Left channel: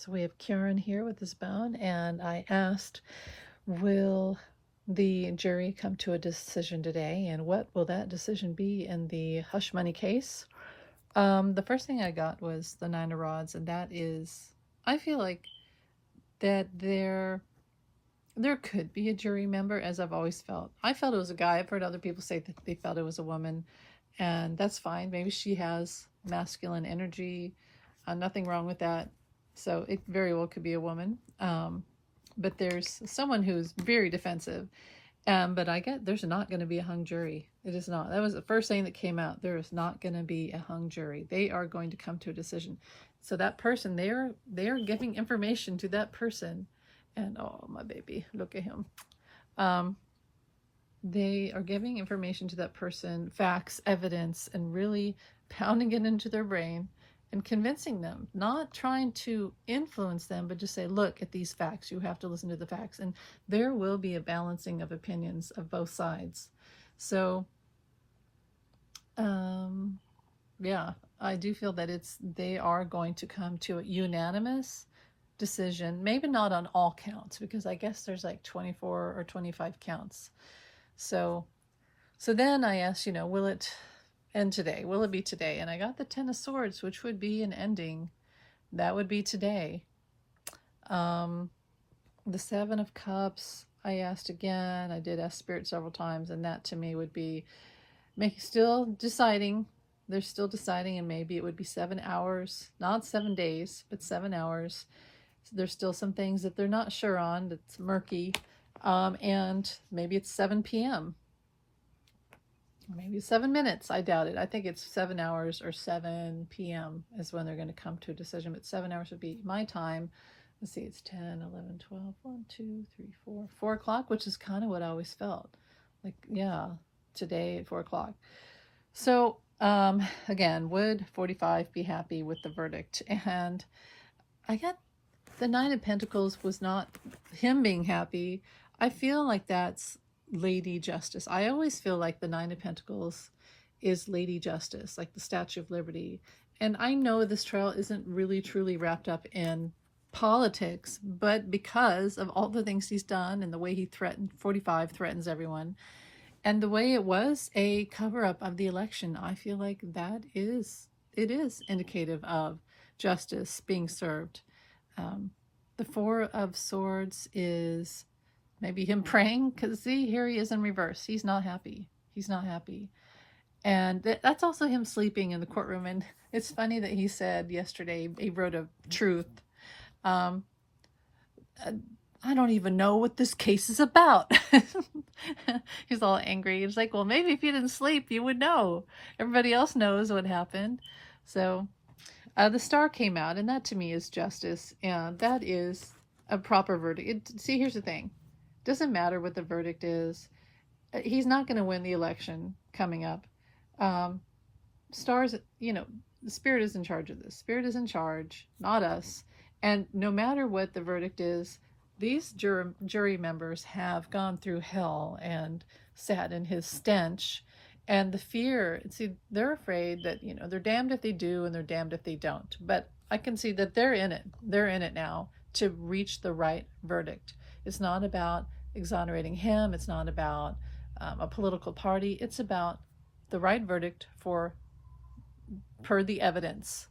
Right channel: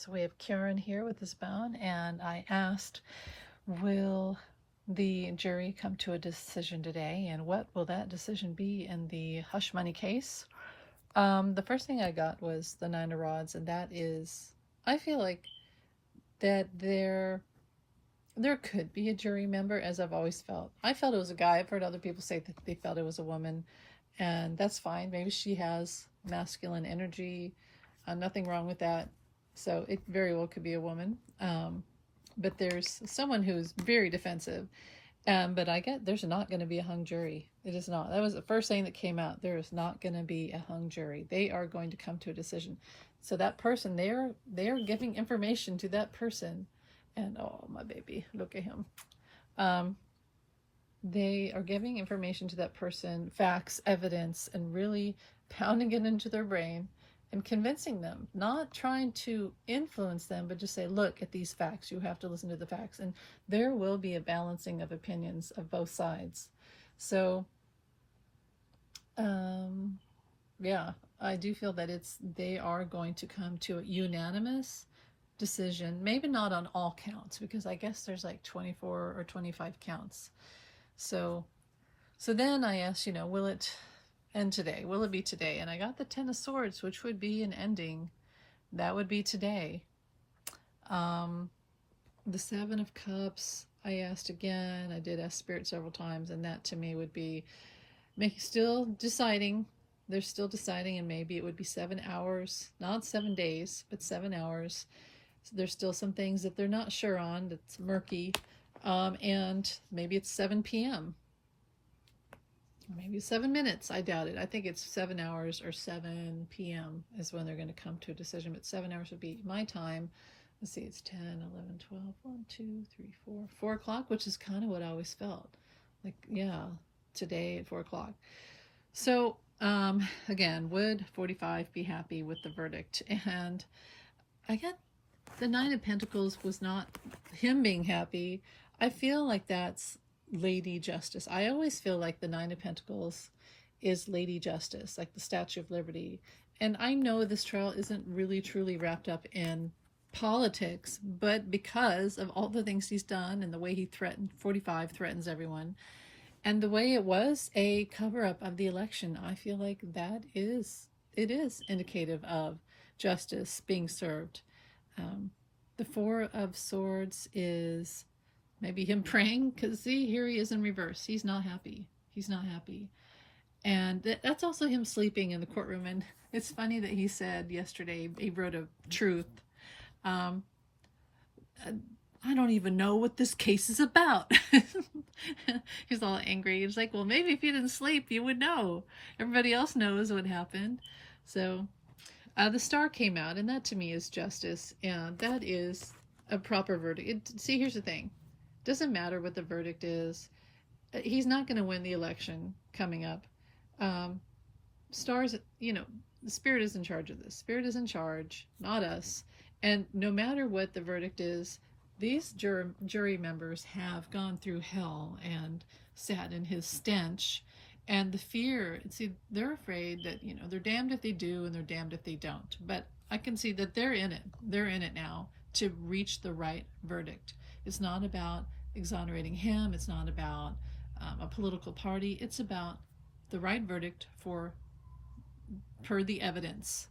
So we have Kieran here with his bone, and I asked, will the jury come to a decision today, and what will that decision be in the hush money case? The first thing I got was the Nine of Rods, and that is, I feel like that there could be a jury member, as I've always felt. I felt it was a guy. I've heard other people say that they felt it was a woman, and that's fine. Maybe she has masculine energy. Nothing wrong with that. So it very well could be a woman. But there's someone who's very defensive. But I get there's not going to be a hung jury. It is not. That was the first thing that came out. There is not going to be a hung jury. They are going to come to a decision. So that person, they are giving information to that person. And oh, my baby, look at him. They are giving information to that person, facts, evidence, and really pounding it into their brain and convincing them, not trying to influence them, but just say, look at these facts. You have to listen to the facts. And there will be a balancing of opinions of both sides. So, yeah, I do feel that they are going to come to a unanimous decision, maybe not on all counts, because I guess there's like 24 or 25 counts. So then I asked, will it end today? Will it be today? And I got the Ten of Swords, which would be an ending. That would be today. The Seven of Cups, I asked again. I did ask Spirit several times, and that to me would be still deciding. They're still deciding, and maybe it would be 7 hours, not 7 days, but 7 hours. So there's still some things that they're not sure on. That's murky. And maybe it's 7 p.m. Maybe 7 minutes. I doubt it. I think it's 7 hours or 7 p.m. is when they're going to come to a decision. But 7 hours would be my time. Let's see, it's 10, 11, 12, 1, 2, 3, 4. 4 o'clock, which is kind of what I always felt. Like, yeah, today at 4 o'clock. So, again, would 45 be happy with the verdict? And I got the Nine of Pentacles was not him being happy. I feel like that's Lady Justice. I always feel like the Nine of Pentacles is Lady Justice, like the Statue of Liberty. And I know this trial isn't really truly wrapped up in politics, but because of all the things he's done and the way he threatened, 45 threatens everyone, and the way it was a cover-up of the election, I feel like it is indicative of justice being served. The Four of Swords is maybe him praying, because see, here he is in reverse. He's not happy. He's not happy. And that's also him sleeping in the courtroom. And it's funny that he said yesterday, he wrote a truth. I don't even know what this case is about. He's all angry. He's like, well, maybe if you didn't sleep, you would know. Everybody else knows what happened. So the Star came out, and that to me is justice. And that is a proper verdict. See, here's the thing. Doesn't matter what the verdict is. He's not going to win the election coming up. Stars, the Spirit is in charge of this. Spirit is in charge, not us. And no matter what the verdict is, these jury members have gone through hell and sat in his stench. And the fear, see, they're afraid that, they're damned if they do and they're damned if they don't. But I can see that they're in it. They're in it now to reach the right verdict. It's not about exonerating him. It's not about a political party. It's about the right verdict per the evidence.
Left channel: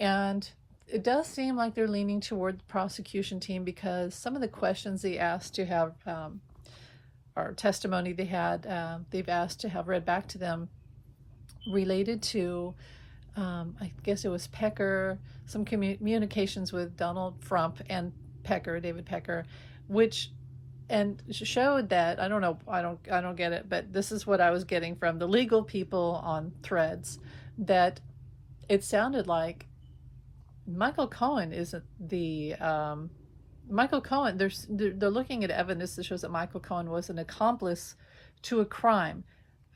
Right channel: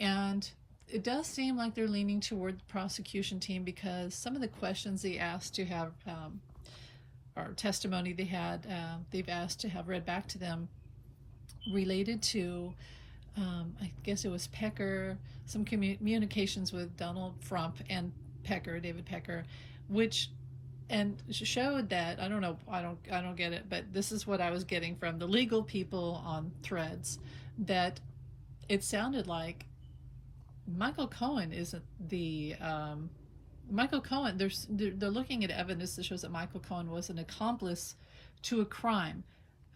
And it does seem like they're leaning toward the prosecution team, because some of the questions they asked to have, or testimony they had, they've asked to have read back to them related to, I guess it was Pecker, some communications with Donald Trump and David Pecker, and showed that, I don't know, I don't get it, but this is what I was getting from the legal people on Threads, that it sounded like Michael Cohen isn't the, Michael Cohen, they're looking at evidence that shows that Michael Cohen was an accomplice to a crime.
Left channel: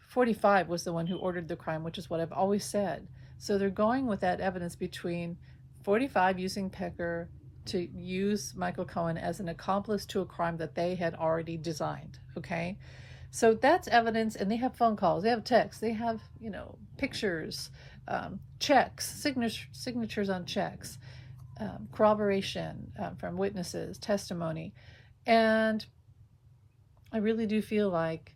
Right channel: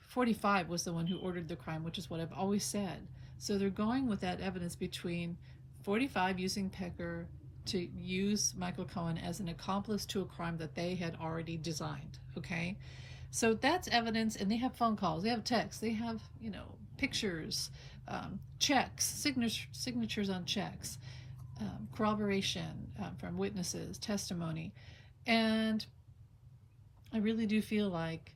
45 was the one who ordered the crime, which is what I've always said. So they're going with that evidence between 45 using Pecker to use Michael Cohen as an accomplice to a crime that they had already designed, okay? So that's evidence, and they have phone calls, they have texts, they have, pictures, checks, signatures on checks. corroboration from witnesses, testimony. And I really do feel like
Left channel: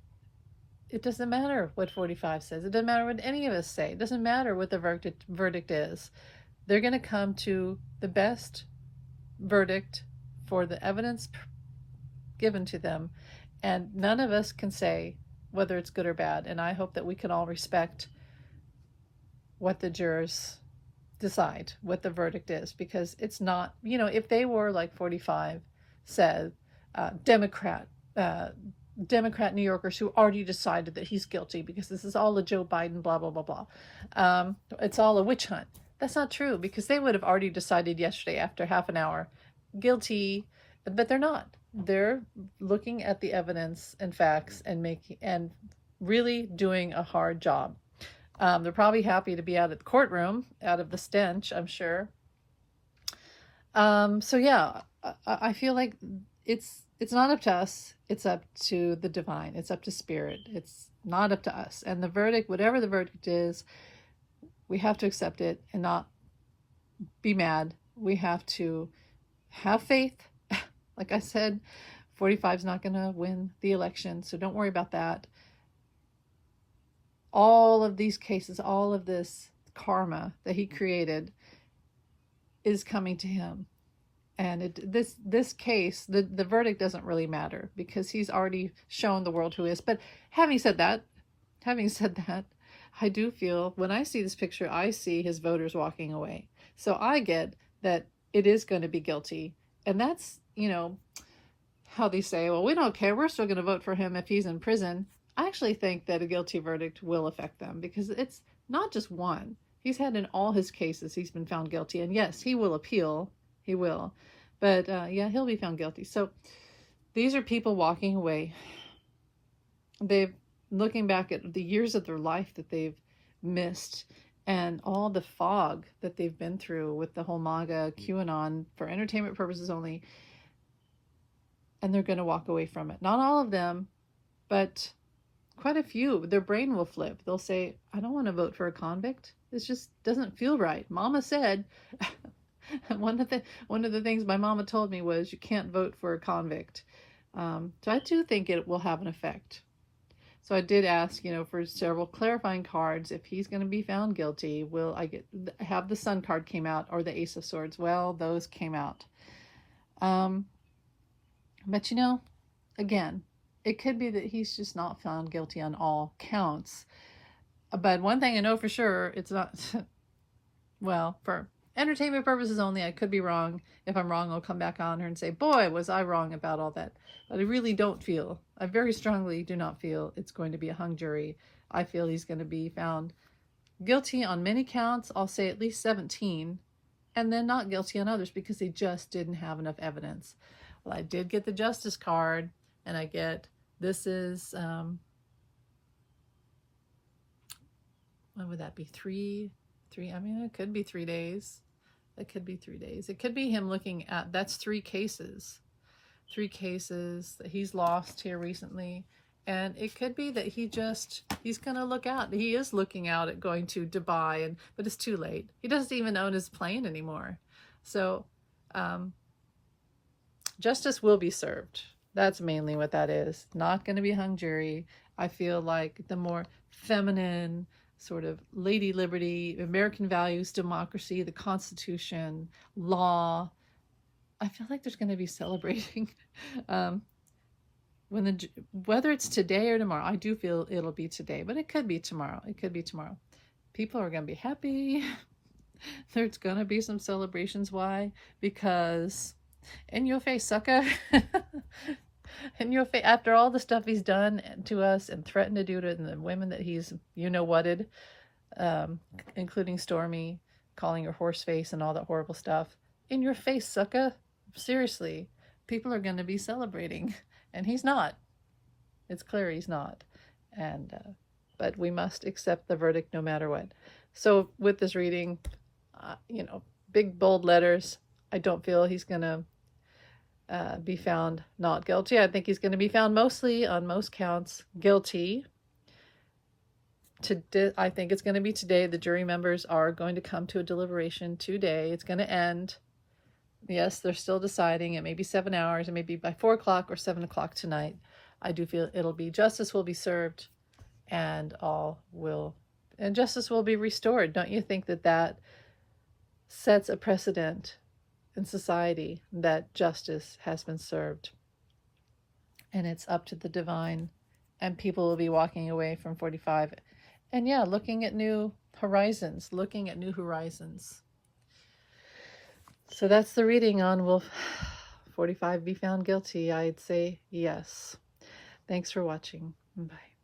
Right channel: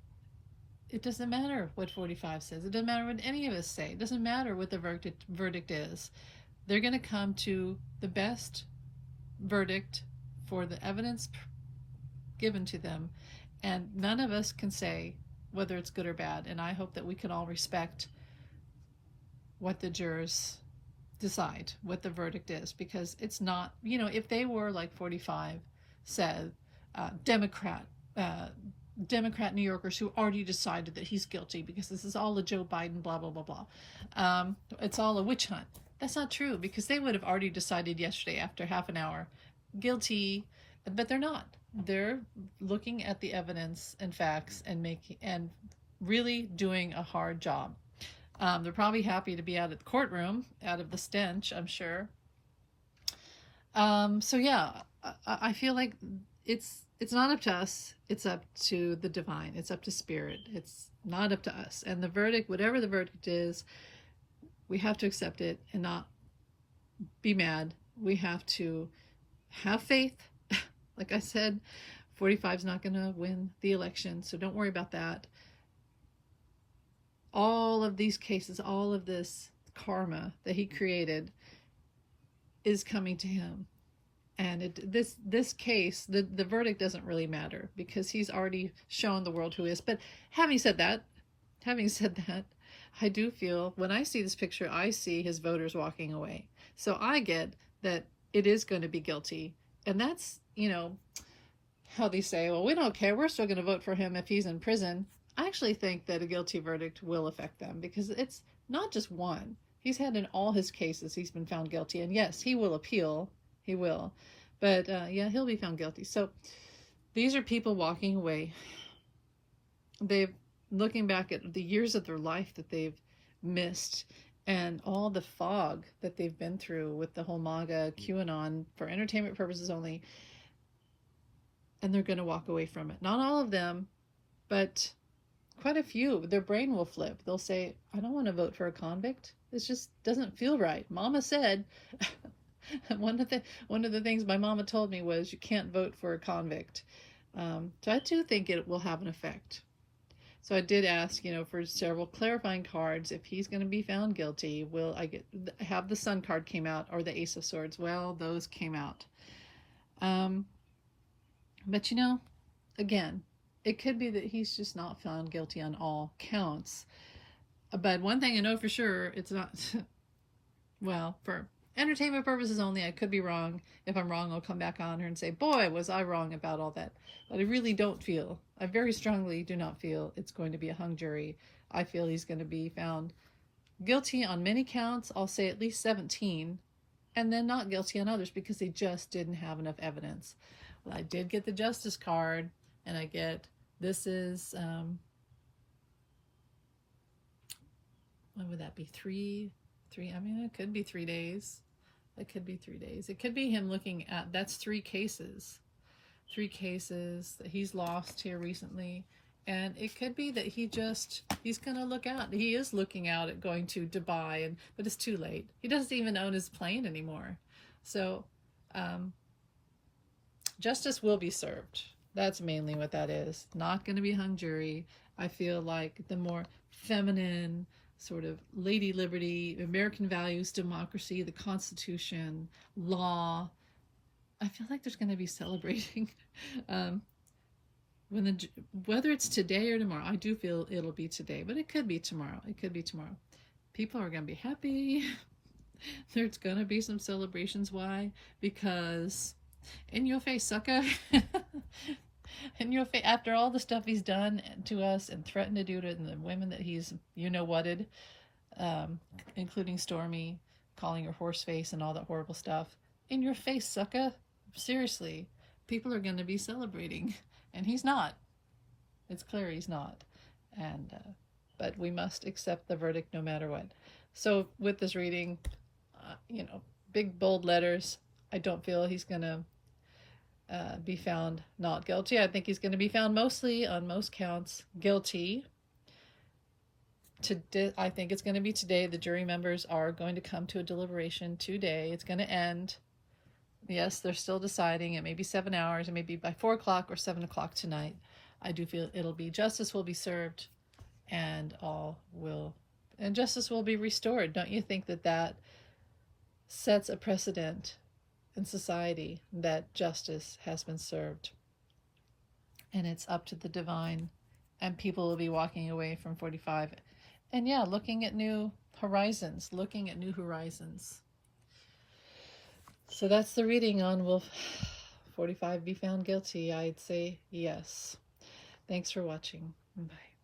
it doesn't matter what 45 says. It doesn't matter what any of us say. It doesn't matter what the verdict is. They're going to come to the best verdict for the evidence given to them. And none of us can say whether it's good or bad. And I hope that we can all respect what the jurors decide, what the verdict is, because it's not, if they were like 45 said, Democrat New Yorkers who already decided that he's guilty because this is all a Joe Biden, blah, blah, blah, blah. It's all a witch hunt. That's not true, because they would have already decided yesterday after half an hour, guilty, but they're not. They're looking at the evidence and facts and really doing a hard job. They're probably happy to be out of the courtroom, out of the stench, I'm sure. So yeah, I feel like it's not up to us. It's up to the divine. It's up to spirit. It's not up to us. And the verdict, whatever the verdict is, we have to accept it and not be mad. We have to have faith. Like I said, 45 is not going to win the election, so don't worry about that. All of these cases, all of this karma that he created is coming to him. And this case, the verdict doesn't really matter, because he's already shown the world who he is. But having said that, I do feel, when I see this picture, I see his voters walking away. So I get that it is going to be guilty. And that's, how they say, well, we don't care. We're still going to vote for him if he's in prison. I actually think that a guilty verdict will affect them, because it's not just one. He's had in all his cases, he's been found guilty. And yes, he will appeal. He will. But yeah, he'll be found guilty. So these are people walking away. They've looking back at the years of their life that they've missed, and all the fog that they've been through with the whole MAGA, QAnon, for entertainment purposes only. And they're going to walk away from it. Not all of them, but quite a few. Their brain will flip. They'll say, I don't want to vote for a convict. It just doesn't feel right. Mama said, one of the things my mama told me was, you can't vote for a convict. So I do think it will have an effect. So I did ask, for several clarifying cards, if he's going to be found guilty, will I have the Sun card came out, or the Ace of Swords? Well, those came out. But again, it could be that he's just not found guilty on all counts. But one thing I know for sure, it's not, well, for entertainment purposes only, I could be wrong. If I'm wrong, I'll come back on her and say, boy, was I wrong about all that. But I really don't feel, I very strongly do not feel it's going to be a hung jury. I feel he's going to be found guilty on many counts. I'll say at least 17, and then not guilty on others, because they just didn't have enough evidence. Well, I did get the Justice card, and I get, this is, what would that be? Three, I mean, it could be 3 days. It could be 3 days. It could be him looking at, that's 3 cases. 3 cases that he's lost here recently. And it could be that he's going to look out. He is looking out at going to Dubai, but it's too late. He doesn't even own his plane anymore. So, justice will be served. That's mainly what that is. Not going to be a hung jury. I feel like the more feminine, sort of Lady Liberty, American values, democracy, the Constitution, law, I feel like there's going to be celebrating. Whether it's today or tomorrow, I do feel it'll be today, but it could be tomorrow. It could be tomorrow. People are going to be happy. There's going to be some celebrations. Why? Because in your face, sucker. In your face, after all the stuff he's done to us and threatened to do to the women that he's, whatted, including Stormy, calling her horse face and all that horrible stuff. In your face, sucker. Seriously, people are going to be celebrating, and he's not. It's clear he's not. And but we must accept the verdict no matter what. So with this reading, big bold letters, I don't feel he's going to be found not guilty. I think he's going to be found mostly, on most counts, guilty. I think it's going to be today. The jury members are going to come to a deliberation today. It's going to end. Yes, they're still deciding. It may be 7 hours. It may be by 4 o'clock or 7 o'clock tonight. I do feel it'll be justice will be served, and justice will be restored. Don't you think that that sets a precedent in society, that justice has been served? And it's up to the divine, and people will be walking away from 45 and looking at new horizons. So that's the reading on will 45 be found guilty? I'd say yes. Thanks for watching. Bye.